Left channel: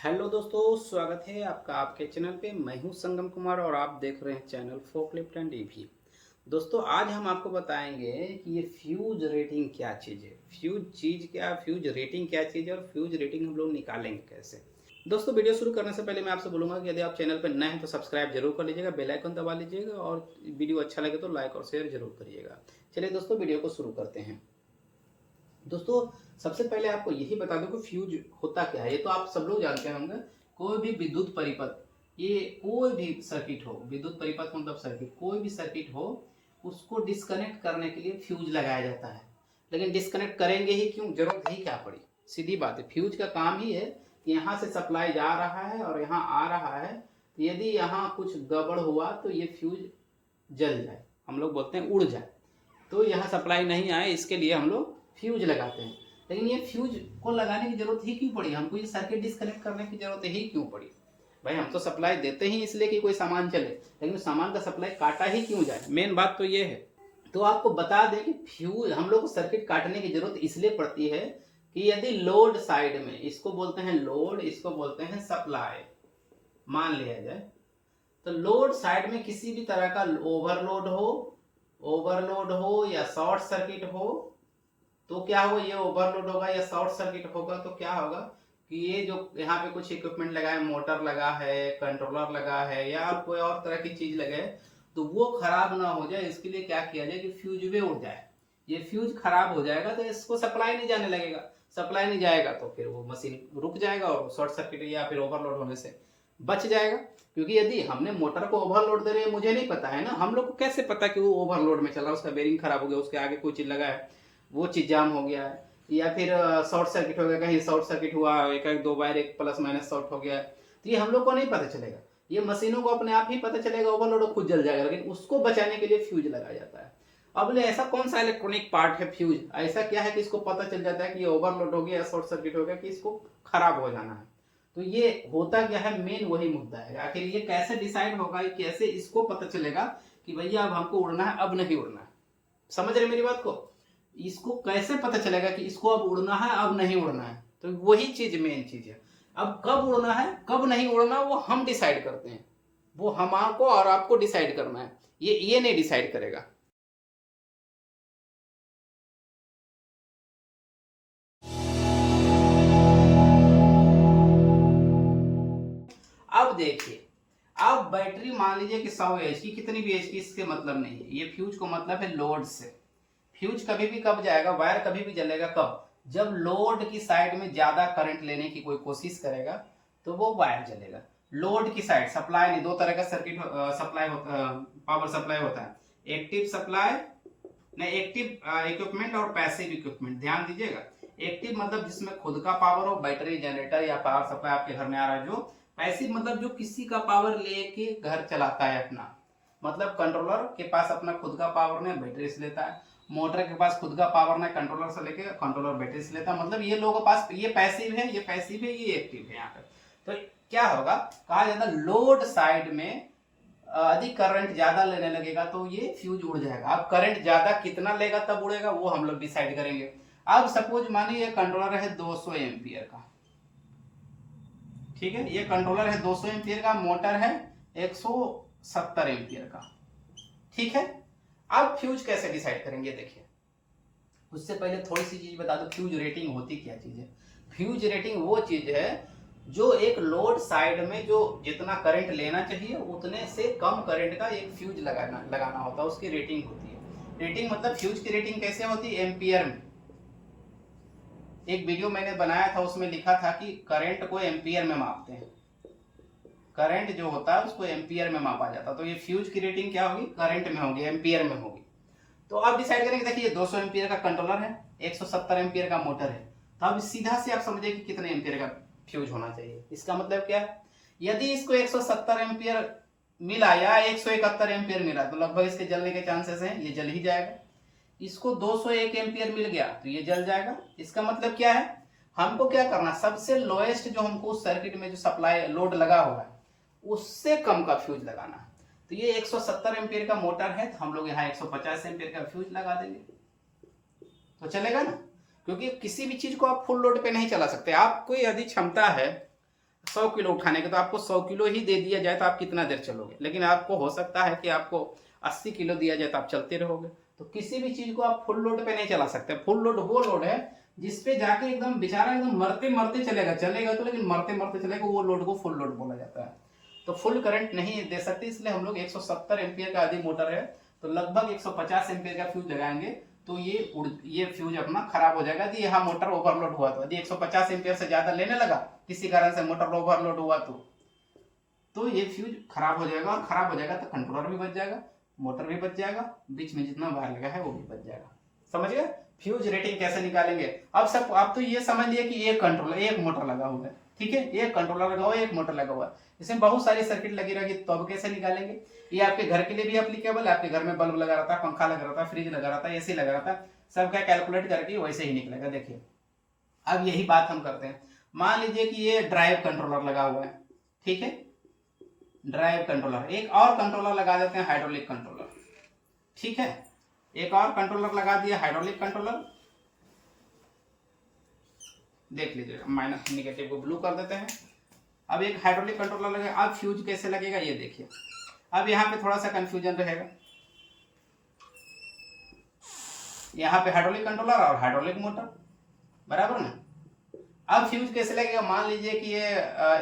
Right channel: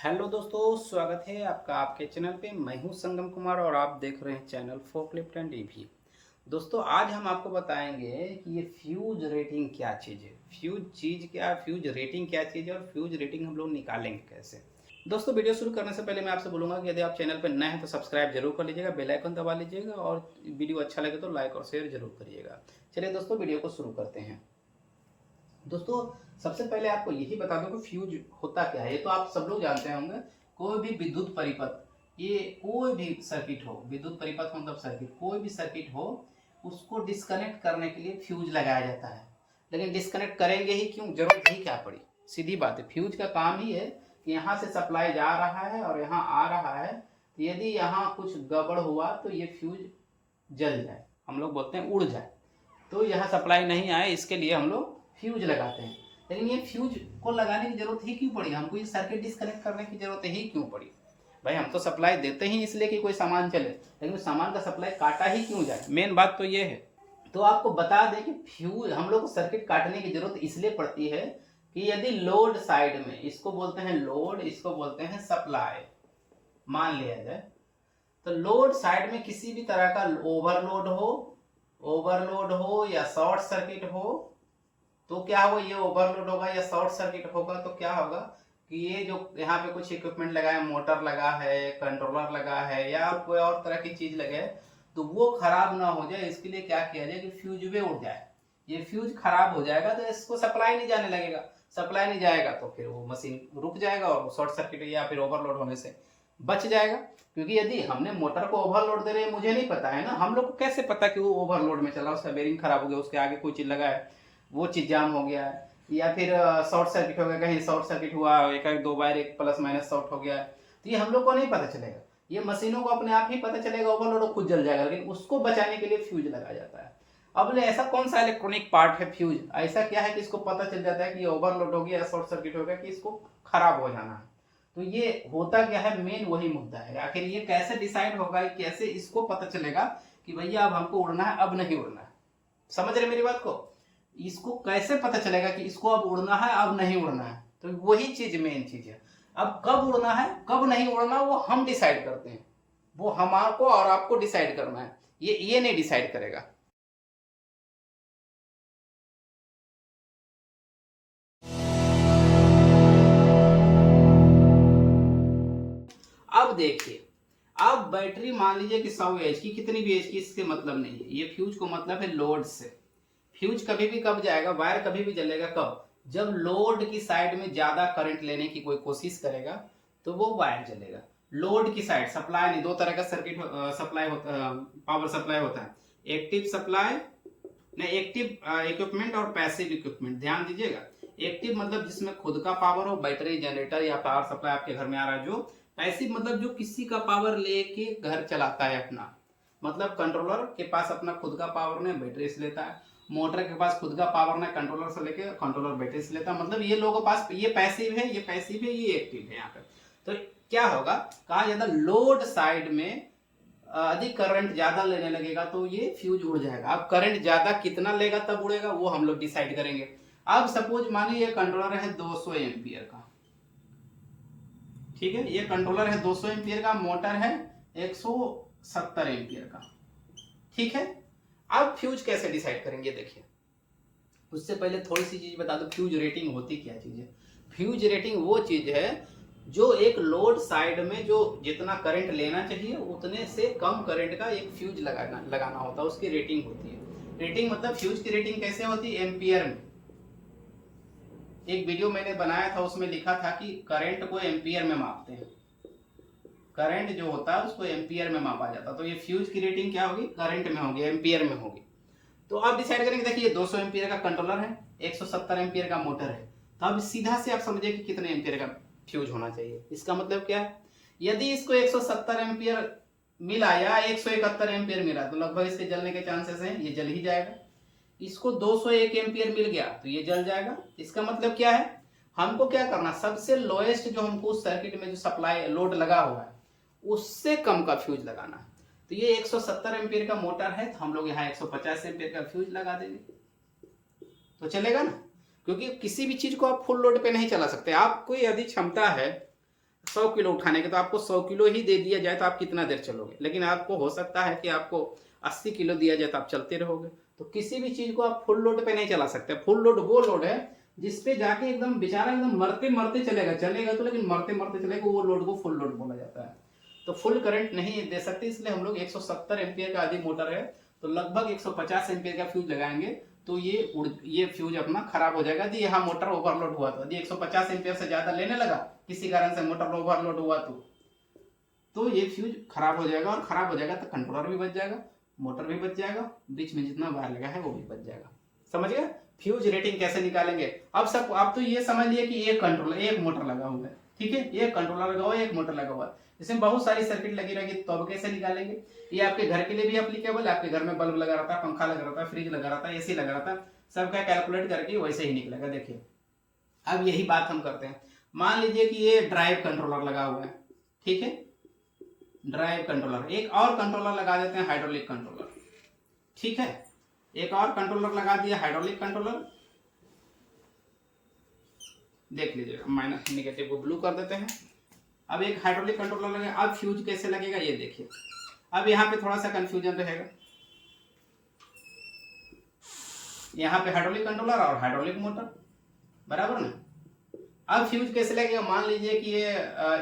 Hello दोस्तों, स्वागत है आपका आपके चैनल पे। मैं हूं संगम कुमार और आप देख रहे हैं चैनल फोकलिफ्ट एंड ईवी। दोस्तों, आज हम आपको बताएंगे कि ये फ्यूज रेटिंग क्या चीज़ है, फ्यूज रेटिंग क्या चीज़ है और फ्यूज रेटिंग हम लोग निकालेंगे कैसे। दोस्तों, वीडियो शुरू करने से पहले मैं आपसे बोलूँगा कि यदि आप चैनल पर नए हैं तो सब्सक्राइब जरूर कर लीजिएगा, बेल आइकन दबा लीजिएगा और वीडियो अच्छा लगे तो लाइक और शेयर जरूर करिएगा। चलिए दोस्तों, वीडियो को शुरू करते हैं। दोस्तों, सबसे पहले आपको यही बता दूं कि फ्यूज होता क्या है। ये तो आप सब लोग जानते होंगे। कोई भी विद्युत परिपथ, ये कोई भी सर्किट हो, विद्युत परिपथ मतलब सर्किट, कोई भी सर्किट हो, उसको डिस्कनेक्ट करने के लिए फ्यूज लगाया जाता है। लेकिन डिस्कनेक्ट करेंगे ही क्यों, जरूरत ही क्या पड़ी। सीधी बात है, फ्यूज का काम ही है कि यहाँ से सप्लाई जा रहा है और यहाँ आ रहा है, तो यदि यहाँ कुछ गड़बड़ हुआ तो ये फ्यूज जल जाए, हम लोग बोलते हैं उड़ जाए, तो यहाँ सप्लाई नहीं आए, इसके लिए हम लोग फ्यूज लगाते हैं। लेकिन ये फ्यूज को लगाने की जरूरत ही क्यों पड़ी, हमको ये सर्किट डिस्कनेक्ट करने की जरूरत ही क्यों पड़ी। भाई, हम तो सप्लाई देते ही इसलिए कि कोई सामान चले, लेकिन उस सामान का सप्लाई काटा ही क्यों जाए, मेन बात तो ये है। तो आपको बता दें कि फ्यूज हम लोग को सर्किट काटने की जरूरत इसलिए पड़ती है कि यदि लोड साइड में, इसको बोलते हैं लोड, इसको बोलते हैं सप्लाई, मान लिया जाए तो लोड साइड में किसी भी तरह का ओवरलोड हो या शॉर्ट सर्किट हो, तो क्या होगा, ये ओवरलोड होगा या शॉर्ट सर्किट होगा तो क्या होगा कि ये जो यहाँ पे कुछ इक्विपमेंट लगा है, मोटर लगा है, कंट्रोलर लगा है या कोई और तरह की चीज लगे, तो वो खराब ना हो जाए, इसके लिए क्या किया जाए कि फ्यूज वे उड़ जाए। ये फ्यूज खराब हो जाएगा तो इसको सप्लाई नहीं जाने लगेगा, सप्लाई नहीं जाएगा तो फिर वो मशीन रुक जाएगा और शॉर्ट सर्किट या फिर ओवरलोड होने से बच जाएगा। क्योंकि यदि हमने मोटर को ओवरलोड दे रहे हैं, मुझे नहीं पता है ना, हम लोग को कैसे पता कि वो ओवरलोड में चला, उसका बेरिंग खराब हो गया, उसके आगे कोई चीज लगा है, वो चीज जाम हो गया है, या फिर शॉर्ट सर्किट हो गया, कहीं शॉर्ट सर्किट हुआ, एक दो बार एक प्लस माइनस शॉर्ट हो गया है, तो ये हम लोग को नहीं पता चलेगा। ये मशीनों को अपने आप ही पता चलेगा, ओवरलोड खुद जल जाएगा, लेकिन उसको बचाने के लिए फ्यूज लगाया जाता है। अब बोले ऐसा कौन सा इलेक्ट्रॉनिक पार्ट है फ्यूज, ऐसा क्या है कि इसको पता चल जाता है कि ये ओवरलोड हो गया या शॉर्ट सर्किट हो गया, कि इसको खराब हो जाना है। तो ये होता क्या है, मेन वही मुद्दा है। आखिर ये कैसे डिसाइड होगा, कैसे इसको पता चलेगा कि भैया अब हमको उड़ना है, अब नहीं उड़ना है। समझ रहे मेरी बात को, इसको कैसे पता चलेगा कि इसको अब उड़ना है, अब नहीं उड़ना है। तो वही चीज मेन चीज है। अब कब उड़ना है कब नहीं उड़ना वो हम डिसाइड करते हैं, वो हमारे और आपको डिसाइड करना है, ये नहीं डिसाइड करेगा। अब देखिए, अब बैटरी मान लीजिए कि 100 एच की, कितनी भी एच की, इससे मतलब नहीं है। ये फ्यूज को मतलब है लोड से। फ्यूज कभी भी कब जाएगा, वायर कभी भी जलेगा कब, जब लोड की साइड में ज्यादा करंट लेने की कोई कोशिश करेगा तो वो वायर जलेगा। लोड की साइड, सप्लाई नहीं, दो तरह का सर्किट सप्लाई होता, पावर सप्लाई होता है, एक्टिव सप्लाई, नहीं एक्टिव इक्विपमेंट और पैसिव इक्विपमेंट। ध्यान दीजिएगा, एक्टिव मतलब जिसमें खुद का पावर हो, बैटरी, जनरेटर या पावर सप्लाई आपके घर में आ रहा है जो। पैसिव मतलब जो किसी का पावर लेके घर चलाता है अपना, मतलब कंट्रोलर के पास अपना खुद का पावर नहीं, बैटरी से लेता है। मोटर के पास खुद का पावर नहीं, कंट्रोलर से लेके कंट्रोलर बैटरी से लेता है। मतलब ये लोगों के पास ये पैसिव है, ये पैसिव है, ये एक्टिव है। यहाँ पे तो क्या होगा, कहा जाता है लोड साइड में अधिक करंट ज्यादा लेने लगेगा तो ये फ्यूज उड़ जाएगा। अब करंट ज्यादा कितना लेगा तब उड़ेगा, वो हम लोग डिसाइड करेंगे। अब सपोज मानिए ये कंट्रोलर है 200 एम्पियर का, ठीक है, ये कंट्रोलर है 200 एम्पियर का, मोटर है 170 एम्पियर का, ठीक है। अब फ्यूज कैसे डिसाइड करेंगे, देखिए उससे पहले थोड़ी सी चीज बता दो, फ्यूज रेटिंग होती क्या चीज है। फ्यूज रेटिंग वो चीज है जो एक लोड साइड में जो जितना करंट लेना चाहिए उतने से कम करंट का एक फ्यूज लगाना होता है, उसकी रेटिंग होती है। रेटिंग मतलब फ्यूज की रेटिंग कैसे होती है, एम्पियर में। एक वीडियो मैंने बनाया था, उसमें लिखा था कि करंट को एम्पियर में मापते हैं, करंट जो होता है उसको एम्पियर में मापा जाता है। तो ये फ्यूज की रेटिंग क्या होगी, करंट में होगी, एम्पियर में होगी। तो अब डिसाइड करेंगे, देखिए 200 एम्पियर का कंट्रोलर है, 170 एम्पियर का मोटर है, तो अब सीधा से आप समझिए कि कितने एम्पियर का फ्यूज होना चाहिए। इसका मतलब क्या है, यदि इसको 170 एम्पियर मिला या 171 एम्पियर मिला तो लगभग इसके जलने के चांसेस हैं, ये जल ही जाएगा। इसको 201 एम्पियर मिल गया तो ये जल जाएगा। इसका मतलब क्या है, हमको क्या करना, सबसे लोएस्ट जो हमको सर्किट में जो सप्लाई लोड लगा हुआ है उससे कम का फ्यूज लगाना है। तो ये 170 एम्पियर का मोटर है, तो हम लोग यहाँ 150 एम्पियर का फ्यूज लगा देंगे, तो चलेगा ना। क्योंकि किसी भी चीज को आप फुल लोड पे नहीं चला सकते। आपको यदि क्षमता है 100 किलो उठाने के, तो आपको 100 किलो ही दे दिया जाए तो आप कितना देर चलोगे, लेकिन आपको हो सकता है कि आपको 80 किलो दिया जाए तो आप चलते रहोगे। तो किसी भी चीज को आप फुल लोड पे नहीं चला सकते। फुल लोड वो लोड है जिसपे जाके एकदम बेचारा एकदम मरते मरते चलेगा, चलेगा तो लेकिन मरते मरते चलेगा, वो लोड को फुल लोड बोला जाता है। तो फुल करंट नहीं दे सकते, इसलिए हम लोग 170 एम्पियर का अधिक मोटर है तो लगभग 150 एम्पियर का फ्यूज लगाएंगे, तो ये फ्यूज अपना खराब हो जाएगा। यदि यहाँ मोटर ओवरलोड हुआ तो, यदि 150 एम्पियर से ज्यादा लेने लगा किसी कारण से मोटर ओवरलोड हुआ तो ये फ्यूज खराब हो जाएगा, और खराब हो जाएगा तो कंट्रोलर भी बच जाएगा, मोटर भी बच जाएगा, बीच में जितना वायर लगा है वो भी बच जाएगा। समझ गए? फ्यूज रेटिंग कैसे निकालेंगे? अब सब आप तो ये समझ लिए कि एक कंट्रोलर, एक मोटर लगा हुआ है, ठीक है, एक कंट्रोलर लगा हुआ है, एक मोटर लगा हुआ है, इसमें बहुत सारी सर्किट लगी रहेगी, तो अब कैसे निकालेंगे? ये आपके घर के लिए भी एप्लीकेबल है, आपके घर में बल्ब लगा रहता है, पंखा लगा रहता है, फ्रिज लगा रहता है, एसी लगा रहता है, सबका कैलकुलेट करके वैसे ही निकलेगा। देखिए अब यही बात हम करते हैं। मान लीजिए कि ये ड्राइव कंट्रोलर लगा हुआ है, ठीक है, ड्राइव कंट्रोलर, एक और कंट्रोलर लगा देते हैं हाइड्रोलिक कंट्रोलर, ठीक है, एक और कंट्रोलर लगा दिया हाइड्रोलिक कंट्रोलर। देख लीजिए, माइनस निगेटिव को ब्लू कर देते हैं। अब एक हाइड्रोलिक कंट्रोलर लगे, अब फ्यूज कैसे लगेगा ये देखिए। अब यहाँ पे थोड़ा सा कंफ्यूजन रहेगा, यहाँ पे हाइड्रोलिक कंट्रोलर और हाइड्रोलिक मोटर, बराबर ना। अब फ्यूज कैसे लगेगा? मान लीजिए कि ये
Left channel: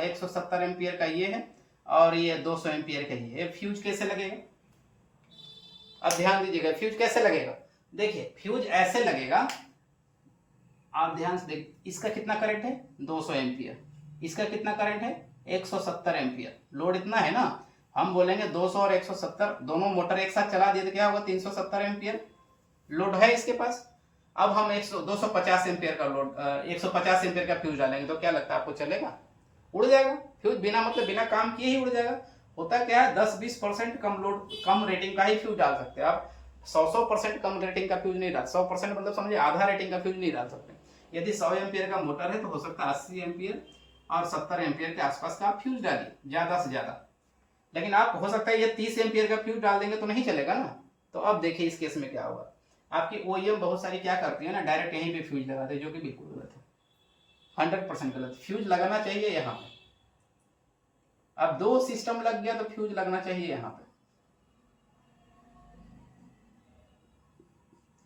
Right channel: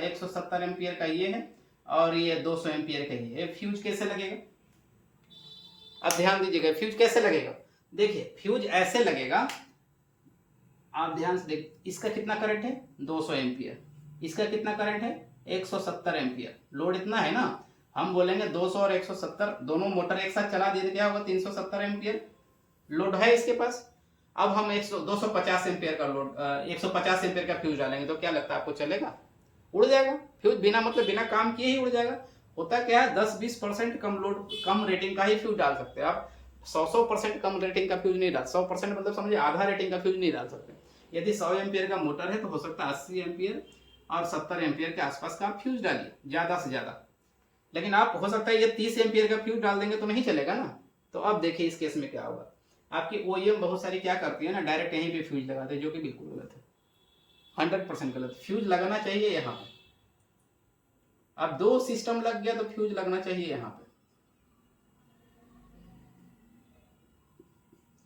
170 एम्पियर का ये है और ये 200 एम्पियर का ये है, फ्यूज कैसे लगेगा? अब ध्यान दीजिएगा फ्यूज कैसे लगेगा। देखिए फ्यूज ऐसे लगेगा, आप ध्यान से देख, इसका कितना करंट है 200 एम्पियर, इसका कितना करंट है 170 एम्पियर, लोड इतना है ना, हम बोलेंगे 200 और 170 दोनों मोटर एक साथ चला दिए तो क्या होगा 370 एम्पियर लोड है इसके पास। अब हम 250 एम्पियर का लोड 150 एम्पियर का फ्यूज डालेंगे तो क्या लगता है आपको चलेगा? उड़ जाएगा फ्यूज, बिना मतलब बिना काम किए ही उड़ जाएगा। होता क्या है 10-20% कम लोड कम रेटिंग का ही फ्यूज डाल सकते हैं आप, 100% कम रेटिंग का फ्यूज नहीं डाल, 100% मतलब समझिए आधा रेटिंग का फ्यूज नहीं डाल सकते। यदि 100 एम्पियर का मोटर है तो हो सकता है 80 एम्पियर और 70 एम्पियर के आसपास का आप फ्यूज डालिए ज्यादा से ज्यादा, लेकिन आप हो सकता है ये 30 एम्पियर का फ्यूज डाल देंगे तो नहीं चलेगा ना। तो अब देखिए इस केस में क्या होगा, आपकी ओईएम बहुत सारी क्या करती है ना, डायरेक्ट यहीं पे फ्यूज लगाते हैं, जो कि बिल्कुल गलत है, 100% गलत। फ्यूज लगाना चाहिए यहाँ पे, अब दो सिस्टम लग गया तो फ्यूज लगना चाहिए यहाँ पे,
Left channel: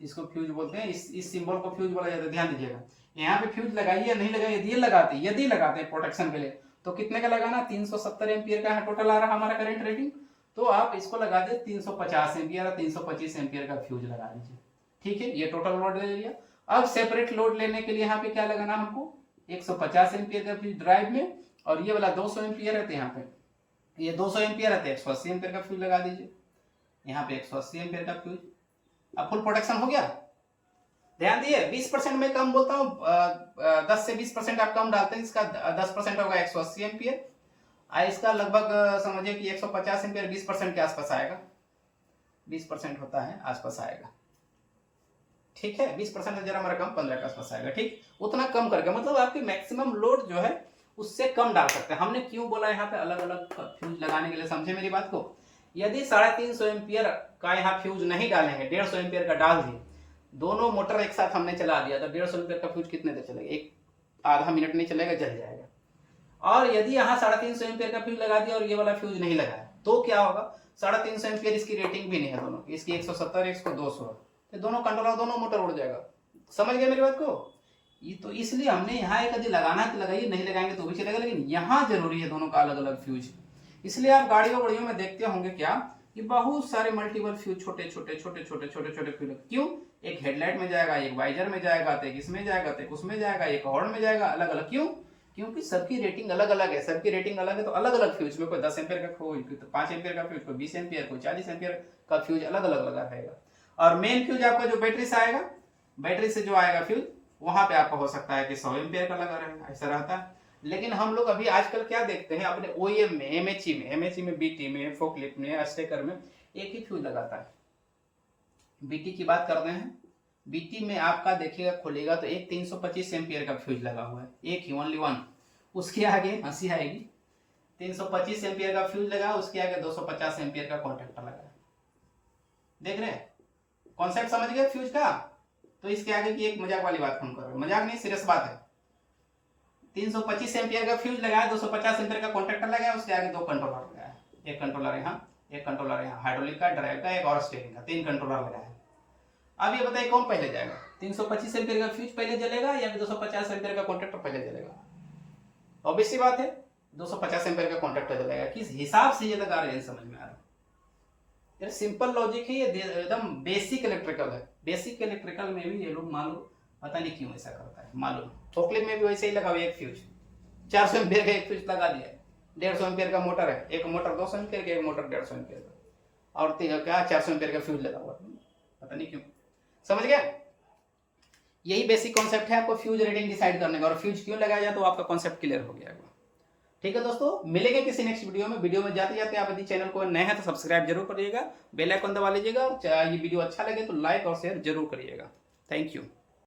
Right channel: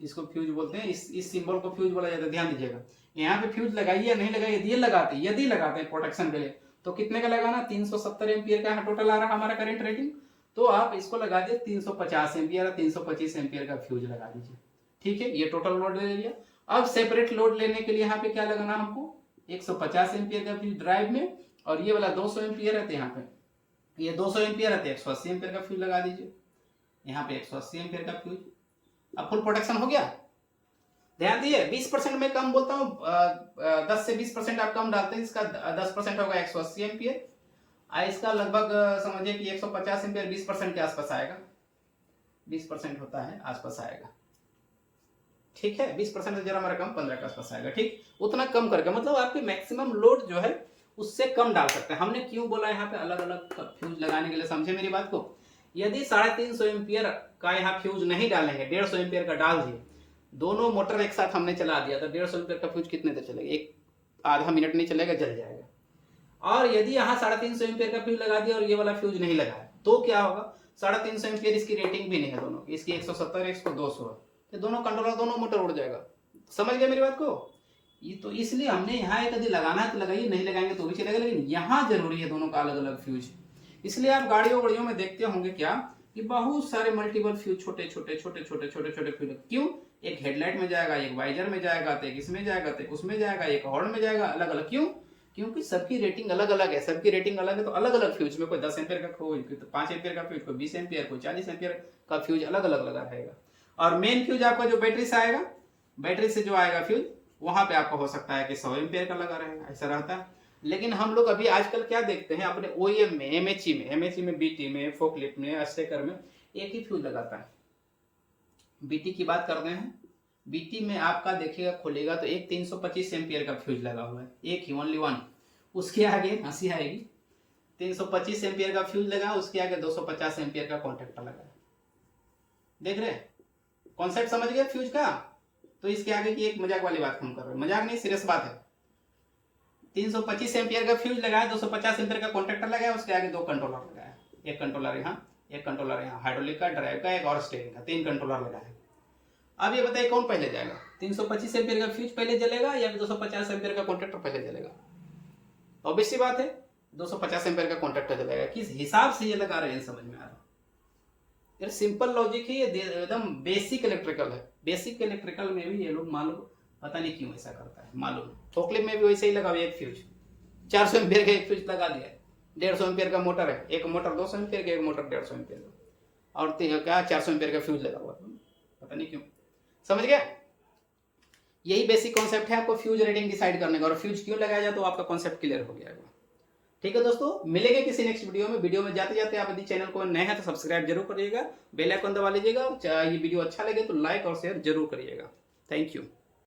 इसको फ्यूज बोलते हैं, इस सिंबल को फ्यूज बोला जाता है। ध्यान दीजिएगा यहाँ पे फ्यूज लगाइए नहीं लगाइए, यदि लगाते हैं प्रोटेक्शन के लिए तो कितने का लगाना, 370 एम्पियर का टोटल आ रहा हमारा करंट रेटिंग, तो आप इसको लगा दिए 350 एम्पियर और 325 एम्पियर का फ्यूज लगा दीजिए, ठीक है, ये टोटल लोड ले लिया। अब सेपरेट लोड लेने के लिए यहाँ पे क्या लगाना हमको, 150 एम्पियर का फ्यूज ड्राइव में, और ये वाला 200 एम्पियर है तो यहाँ पे ये 200 एम्पियर है तो 180 एम्पियर का फ्यूज लगा दीजिए, यहाँ पे 180 एम्पियर का फ्यूज। अब फुल प्रोटेक्शन हो गया। ध्यान दिए 20% में कम बोलता हूँ, 10 से 20% आप कम डालते हैं, इसका 10% होगा 180 एम्पियर, इसका लगभग समझिए कि 150 एम्पियर 20% के आसपास आएगा, 20% होता है आसपास आएगा, ठीक है, 20% से जरा हमारा कम 15 के आसपास आएगा, ठीक, उतना कम करके मतलब आपके मैक्सिमम लोड जो है उससे कम डाल सकते हैं। हमने क्यों बोला यहाँ पे अलग अलग फ्यूज लगाने के लिए, समझे मेरी बात को। यदि 350 एम्पियर का यहाँ फ्यूज नहीं डालेंगे, 150 एम्पियर का डाल दिए, दोनों मोटर एक साथ हमने चला दिया तो 150 एम्पियर का फ्यूज कितने देर चलेगा, एक आधा मिनट नहीं चलेगा, जल जाएगा। और यदि यहाँ 350 एम्पियर का फ्यूज लगा दिया और ये वाला फ्यूज नहीं लगाया तो क्या होगा, 350 एम्पियर इसकी रेटिंग भी नहीं है, दोनों इसकी 170 इसको 200 है, तो दोनों कंट्रोलर दोनों मोटर उड़ जाएगा। समझ गए मेरी बात को। ये तो इसलिए हमने यहाँ एक यदि लगाना है तो लगाइए, नहीं लगाएंगे तो भी चलेगा, लेकिन यहाँ जरूरी है दोनों का अलग अलग फ्यूज। इसलिए आप गाड़ियों में देखते होंगे क्या कि बहुत सारे मल्टीपल फ्यूज, छोटे छोटे छोटे छोटे छोटे छोटे फ्यूज, क्यों, एक हेडलाइट में जाएगा, एक वाइजर में जाएगा, तो एक इसमें जाएगा, तो एक उसमें जाएगा, एक हॉर्न में जाएगा, अलग अलग, क्यों, क्योंकि सबकी रेटिंग अलग अलग है, सबकी रेटिंग अलग है, तो अलग अलग फ्यूज में कोई 10 एम्पियर का, कोई 5 एम्पियर का फ्यूज, कोई 20 एम्पियर, कोई 40 एम्पियर का फ्यूज अलग अलग लगा रहेगा। और मेन फ्यूज आपका जो बैटरी से आएगा, बैटरी से जो आएगा फ्यूज, वहां पे आपका हो सकता है कि 100 एम्पियर का लगा रहेगा, ऐसा रहता है। लेकिन हम लोग अभी आजकल क्या देखते हैं अपने ओईएम में, एमएचई में, बीटी में, फोकलिफ्ट में, अस्टेकर में एक ही फ्यूज लगाता है। बीटी की बात करते हैं, बीटी में आपका देखिएगा खोलेगा तो एक 325 एम्पियर का फ्यूज लगा हुआ है, एक ही, ओनली वन। उसके आगे हंसी आएगी, 325 एम्पियर का फ्यूज लगा, उसके आगे 250 एम्पियर का कॉन्टेक्टर लगा। देख रहे हैं कॉन्सेप्ट, समझ गए फ्यूज का। तो इसके आगे की एक मजाक वाली बात हम कर रहे हैं, मजाक नहीं सीरियस बात है। 325 एम्पियर का फ्यूज लगाया, 250 एम्पियर का कॉन्टेक्टर लगाया, उसके आगे 2 कंट्रोलर लगाया, एक कंट्रोलर यहाँ, एक कंट्रोलर यहाँ, हाइड्रोलिक का, ड्राइव का, एक और स्टीयरिंग का, 3 कंट्रोलर लगाया। अब ये बताइए कौन पहले जाएगा, 325 एम्पियर का फ्यूज पहले जलेगा या 250 एम्पियर का कॉन्टेक्टर पहले जलेगा? ऑब्वियस सी बात है 250 एम्पियर का कॉन्टेक्टर जलेगा। किस हिसाब से ये लगा रहे हैं समझ में आ रहा है? यार सिंपल लॉजिक है ये, एकदम बेसिक इलेक्ट्रिकल है। बेसिक इलेक्ट्रिकल में भी ये लोग मालूम पता नहीं क्यों ऐसा करता है, मालूम फोकलिफ्ट में भी वैसे ही लगा हुआ एक फ्यूज, 400 एम्पियर का एक फ्यूज लगा दिया है, 150 एम्पियर का मोटर है, एक मोटर 200 एम्पियर का, एक मोटर 150 एम्पियर का, और क्या 400 एम्पियर का फ्यूज लगा हुआ, पता नहीं क्यों। समझ गया? यही बेसिक कॉन्सेप्ट है आपको फ्यूज रेटिंग डिसाइड करने का, और फ्यूज क्यों लगाया जाए तो आपका कॉन्सेप्ट क्लियर हो गया। ठीक है दोस्तों, मिलेंगे किसी नेक्स्ट वीडियो में। वीडियो में जाते जाते आप यदि चैनल को नए हैं तो सब्सक्राइब जरूर करिएगा, बेल आइकन दबा लीजिएगा, और ये वीडियो अच्छा लगे तो लाइक और शेयर जरूर करिएगा। Thank you.